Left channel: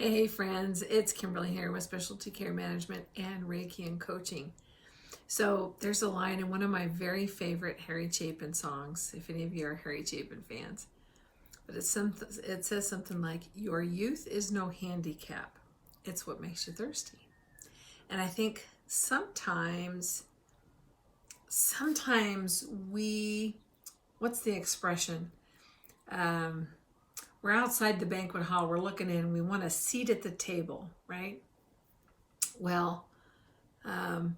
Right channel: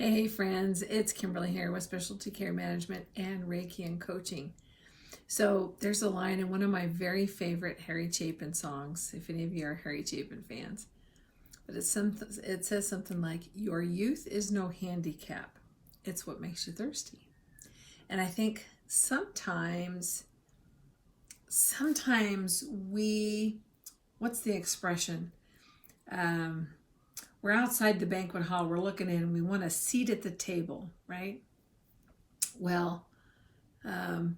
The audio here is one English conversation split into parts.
Hey friends, it's Kimberly here with Specialty Care Management and Reiki and Coaching. So there's a line in one of my very favorite Harry Chapin songs, if any of you are Harry Chapin fans. But it says something like, "Your youth is no handicap. It's what makes you thirsty." And I think sometimes what's the expression? Um, we're outside the banquet hall, we're looking in, we want a seat at the table, right? Well,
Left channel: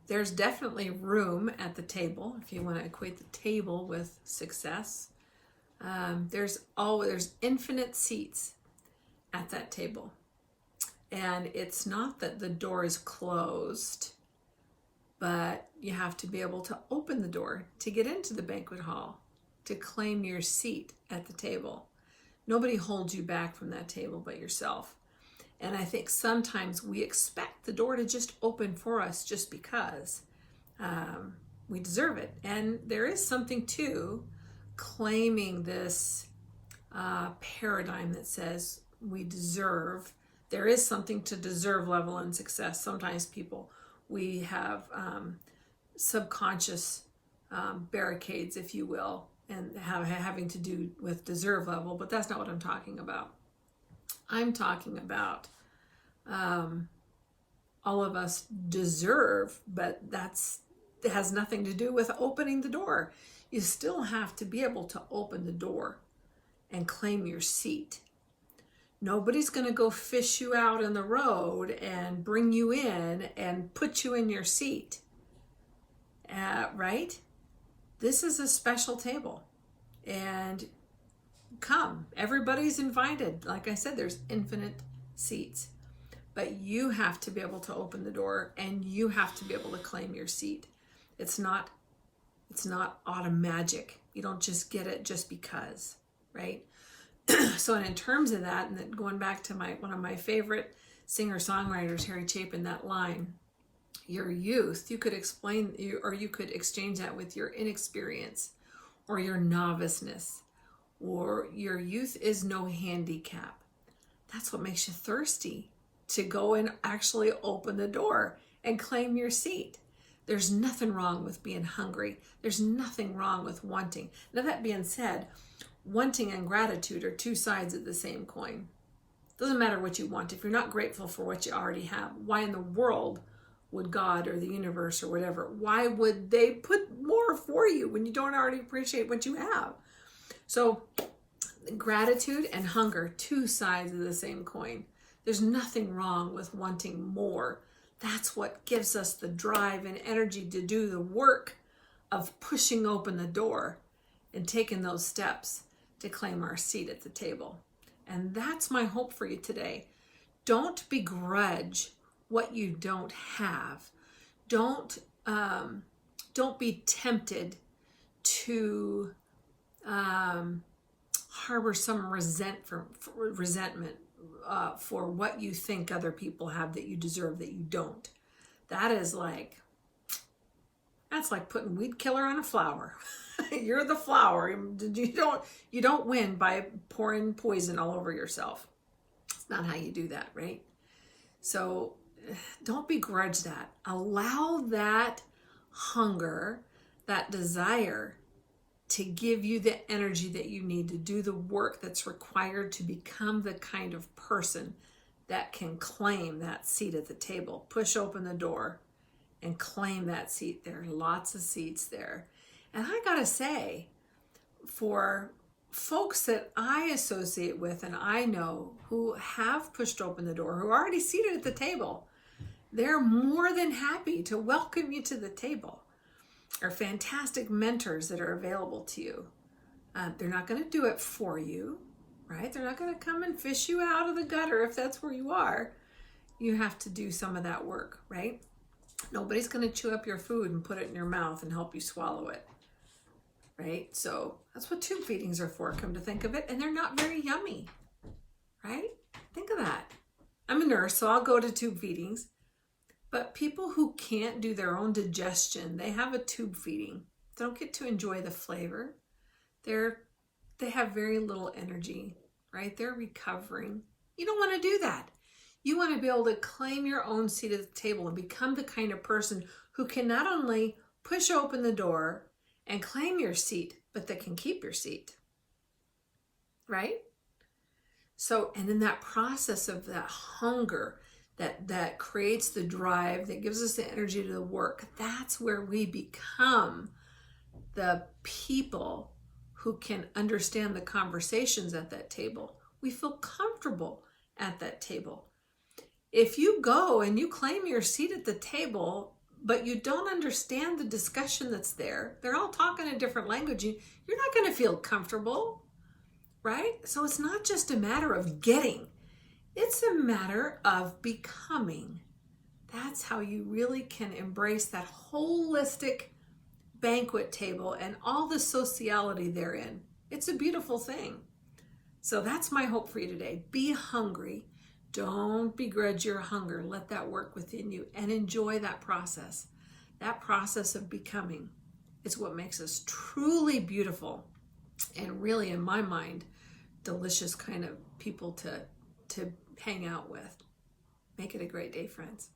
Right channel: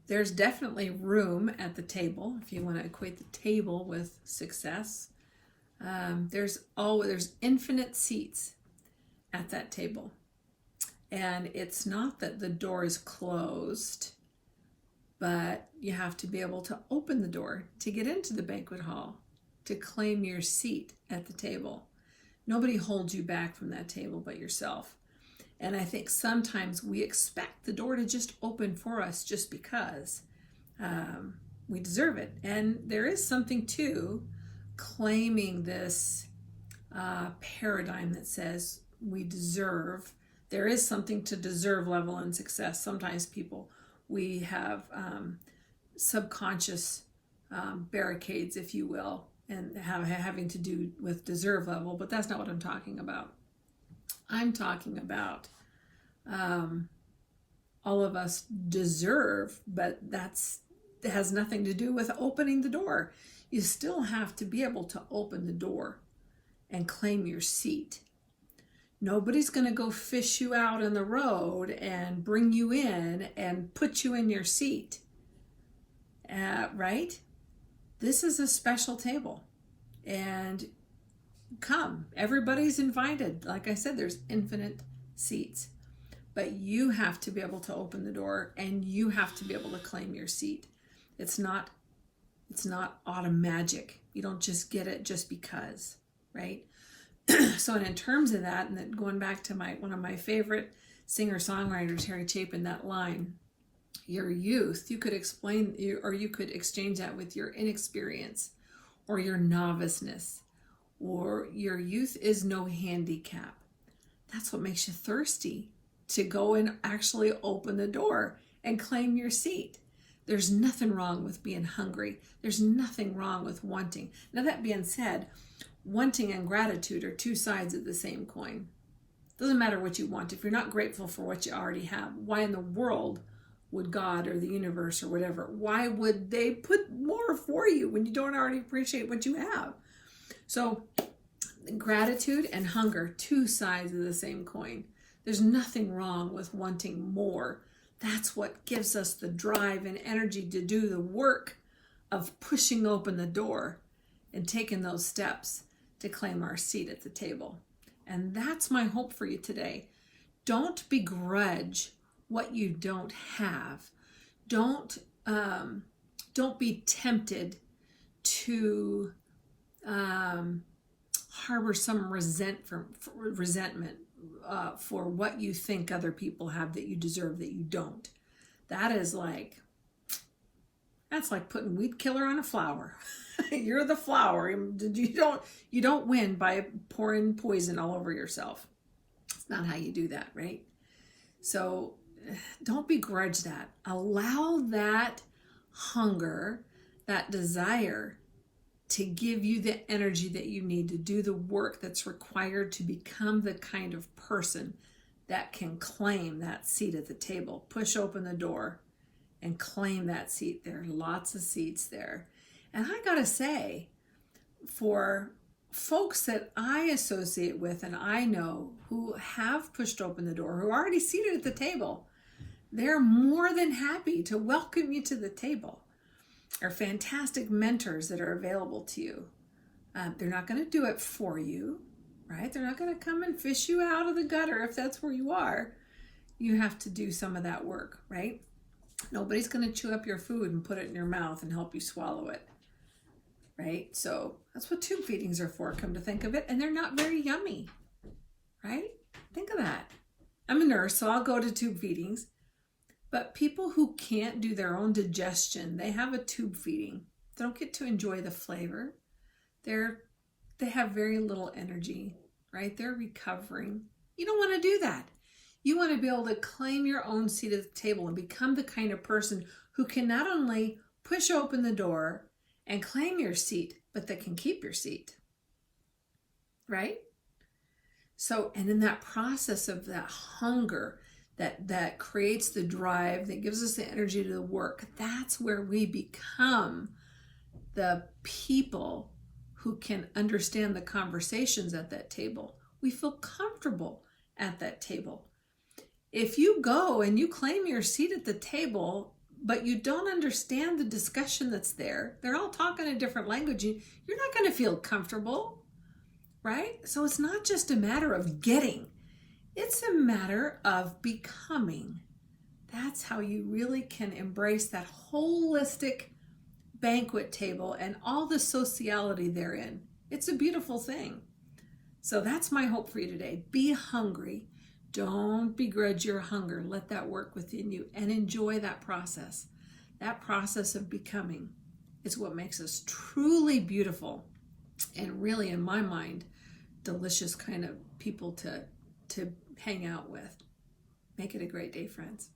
there's definitely room at the table if you want to equate the table with success. There's infinite seats at that table, and it's not that the door is closed, but you have to be able to open the door to get into the banquet hall to claim your seat at the table. Nobody holds you back from that table but yourself. And I think sometimes we expect the door to just open for us just because we deserve it. And there is something to claiming this paradigm that says we deserve. There is something to deserve level and success. Sometimes we have subconscious barricades, if you will, and having to do with deserve level, but that's not what I'm talking about. I'm talking about all of us deserve, but it has nothing to do with opening the door. You still have to be able to open the door and claim your seat. Nobody's going to go fish you out in the road and bring you in and put you in your seat, right? This is a special table, and come, everybody's invited. Like I said, there's infinite seats, but you have to be able to open the door and you have to be able to claim your seat. It's not automagic. You don't just get it just because, right? So, and in terms of that, and then going back to one of my favorite singer-songwriters, Harry Chapin, that line, your youth, you could exchange that with your inexperience or your noviceness, or your youth is no handicap. That's what makes you thirsty to go and actually open the door and claim your seat. There's nothing wrong with being hungry. There's nothing wrong with wanting. Now, that being said, wanting and gratitude are two sides of the same coin. Doesn't matter what you want. If you're not grateful for what you already have, why in the world would God or the universe or whatever, why would they put more for you when you don't already appreciate what you have? So gratitude and hunger, two sides of the same coin. There's nothing wrong with wanting more. That's what gives us the drive and energy to do the work of pushing open the door and taking those steps to claim our seat at the table. And that's my hope for you today. Don't begrudge what you don't have. Don't be tempted to harbor some resentment for what you think other people have that you deserve that you don't. That's like putting weed killer on a flower. You're the flower. You don't win by pouring poison all over yourself. It's not how you do that, right? So don't begrudge that. Allow that hunger, that desire, to give you the energy that you need to do the work that's required to become the kind of person that can claim that seat at the table. Push open the door and claim that seat. There are lots of seats there. And I gotta say, for folks that I associate with and I know who have pushed open the door, who are already seated at the table, they're more than happy to welcome you to the table. Are fantastic mentors that are available to you. They're not going to do it for you, right? They're not going to come and fish you out of the gutter if that's where you are. You have to do some of that work, right? Nobody's going to chew up your food and put it in your mouth and help you swallow it, right? So that's what tube feedings are for, come to think of it. And they're not very yummy, right? Think of that. I'm a nurse, so I'll go to tube feedings. But people who can't do their own digestion, they have a tube feeding. They don't get to enjoy the flavor. They have very little energy, right? They're recovering. You don't want to do that. You want to be able to claim your own seat at the table and become the kind of person who can not only push open the door and claim your seat, but that can keep your seat. Right? So, and in that process of that hunger that creates the drive, that gives us the energy to work, that's where we become the people who can understand the conversations at that table. We feel comfortable at that table. If you go and you claim your seat at the table, but you don't understand the discussion that's there, they're all talking a different language, you're not going to feel comfortable, right? So it's not just a matter of getting, it's a matter of becoming. That's how you really can embrace that holistic banquet table and all the sociality therein. It's a beautiful thing. So that's my hope for you today. Be hungry. Don't begrudge your hunger. Let that work within you and enjoy that process. That process of becoming is what makes us truly beautiful and really, in my mind, delicious kind of people to hang out with. Make it a great day, friends.